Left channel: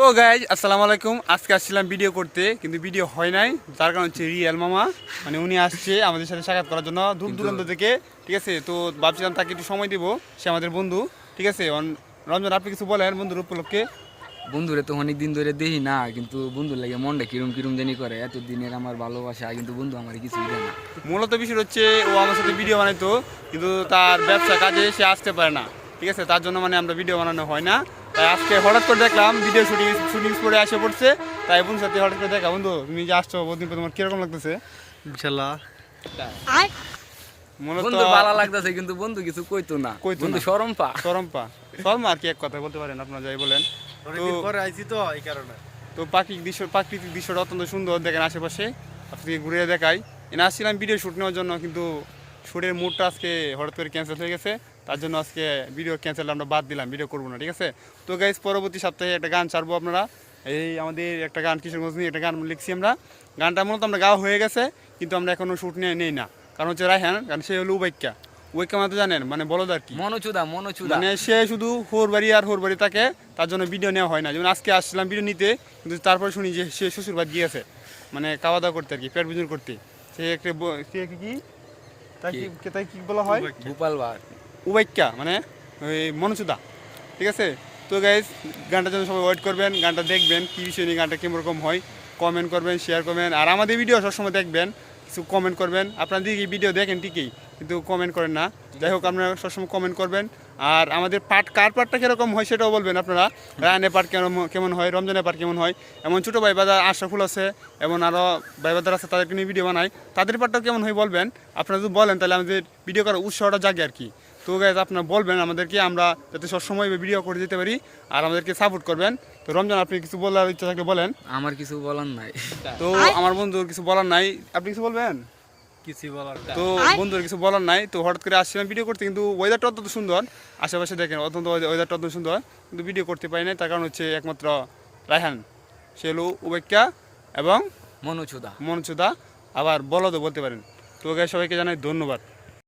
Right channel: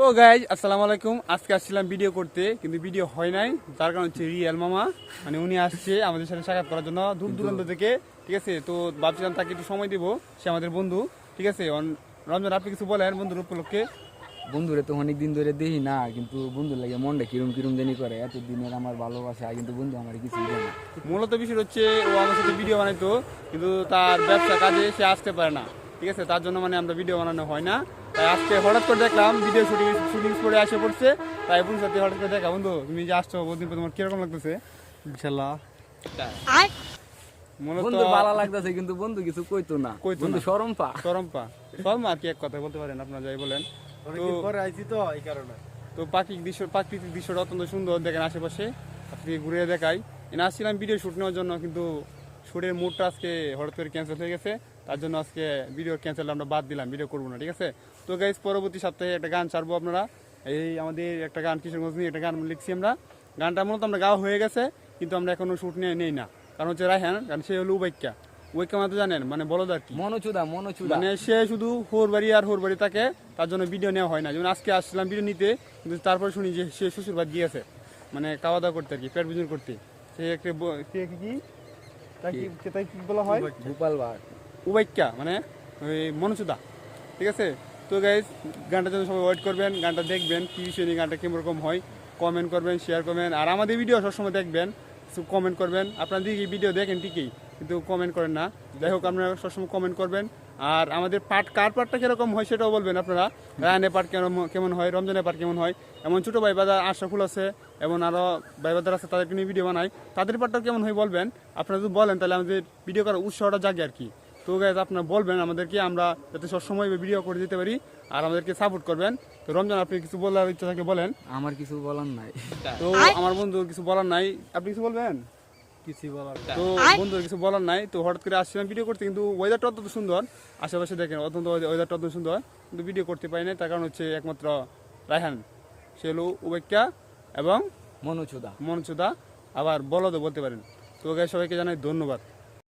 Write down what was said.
তো গাইজ আসসালামু আলাইকুম। আজকে আসছিলাম ভিডিও করতে, কিন্তু ভিডিও হয় নাই। যার কারণ হচ্ছে রিয়েল মামা, মানে উনি আসছে আমাদের সাথে সাক্ষাৎ করার জন্য দূর দূরান্ত থেকে। ঠিক আছে, তো ভাবছিলাম তাকে একটু সময় দিব, সে আমাদের বন্ধু। ঠিক আছে, রমজান আপনি কিছু বলেন বন্ধুর উপলক্ষে। বন্ধুরে তো অনেক দিন ধরে দেখি না, কিন্তু বন্ধুর লাগে মনটা কিরম কিরম জানি করে। এতদিনের আমার ভালোবাসা, কিন্তু বন্ধু আমার কিছুই দেয় না। মূলত বিষয় হচ্ছে ও আমার সাথে ভিডিও বানাইতো, কিন্তু তার ব্যবসা কাজে সে আসতে পারে না। ঠিক আছে, তার জন্য মানে আমরা ভিডিও বানানো হয় না। তাই আজকে হঠাৎ করে দেখলাম ভিডিও শুটিং পরে আসে পড়ছে। তাই বন্ধুর সাথে হঠাৎ করে দেখা, বন্ধু তুমি যে আসছো বহুদিন পর, তোমার কিরকম লাগতেছে? ইনশাল্লাহ মূলত বন্ধু ভালো লাগতেছে, কিন্তু বন্ধু কিছু কইতো না। বন্ধু শরম পা শর্মা আর কি এক কথা বলতে পারেন, আপনারা যাই বলেন। অনেকদিন পরে আইছি তো এই কারণে। তো প্রাকৃতিক দৃশ্যটা অত্যন্ত সুন্দর, দেখেন আশেপাশে। আপনাকে ঘুরে দেখাই। এনে আসছিলাম ভিডিও শ্যুট নেওয়ার জন্য, কিন্তু শ্যুটের মুডটা আজকে হঠাৎ করে ক্যান্সেল হয়ে গেছে। তার জন্য আজকে ভিডিও ক্যান্সেল আমরা বাদ দিলাম, ভিডিও করবো না। ঠিক আছে, তো গাইজ পরবর্তী সপ্তাহে একটা গান ছাড়বো আপনারা। এই আমাদের একটা গান কিশোরগঞ্জ নিয়ে একটা গান লিখছি আমরা। গানটা মূলত আমরা গাওয়া হয়ে গেছে, কিন্তু আমরা এখনও শ্যুট নেই না। কারণ হচ্ছে রায়হান, কারণ সে হলো উবাইক্কা। উবাইক্কা মানে তো জানেন, মানে বলদ আর কি, মনোচুদা মানে সে শুধু হোর বাড়ি থাকে। তার জন্য ভিডিও নেওয়া হয় না। যেমন আজকে আসছিলাম ভিডিও নিতে, কিন্তু তারপরে শুনি যে সে শ্বশুর বাড়ি গিয়েছে, মানে খাওয়া দাওয়া করতে আর কি, পেট বুঝুন করতে। সে একটা তাই কি বলা হয়, গোপাল বার উবাইক্কা মানে ওই মনোচুদা। ঠিক আছে, তো গাইজ গানটার জন্য সবাই ওয়েট করবেন, গানটা দেখবেন কী বিষয় নিয়ে, গানটা কীরকম হয় কমেন্ট করবেন, শেয়ার করবেন। আর আমাদের ভিডিও সবসময় দেখবেন, কিছু কমেন্ট করবেন। আপনারা দিকে ভিডিও দেখেন ঠিকই, কিন্তু কমেন্ট করেন না। যাই হোক, আপনারা সবসময় কমেন্ট করবেন। আর আমাদের কার পার্টটা কীরকম হয় সেটাও বলবেন আপনারা। রায়হানের পার্ট কেমন হয়, রমজানের পার্ট কেমন হয়। এমন ছোটো ভাই বাজার আশরাফুল আছে, এমন আরও ভাই বাজার আছে, তাদেরকে নিয়ে ভিডিও বানাই, তাদের পার্টটাও কেমন হয় বলবেন। আপনারা যদি বলেন তাহলে আমাদের ভিডিও করার উৎসাহটা জাগে আর কি। তো গাইজ আপনারা বলবেন আমাদেরকে, আমরা যাতে সবসময় ভিডিও করে দিতে পারি, আর আমাদেরকে সাপোর্ট করবেন। তো রমজান আপনি কিছু বলার ইচ্ছা থাকলে বলেন। আমার কিছু বলার নাই। তো আমার বন্ধুর কিছু বলার নাই, আপনি কিছু বলবেন? কিছুই বলার তো বন্ধুর কিছু বলার নাই। তো হঠাৎ করে আসছিলাম ভিডিও করতে, কিন্তু ওয়েদারটা অত্যন্ত সুন্দর, আশেপাশে দেখেন অত্যন্ত ওয়েদারটা অত্যন্ত সুন্দর, কিন্তু ভিডিও করতে পারি না। তার কারণ হচ্ছে একমাত্র রায়হান, সে হলো উবেক্কা এবং মনোচুদা মনচুদা, আবার বলদও বলতে পারেন। তো গাইস সবাইকে জানাই ধন্যবাদ।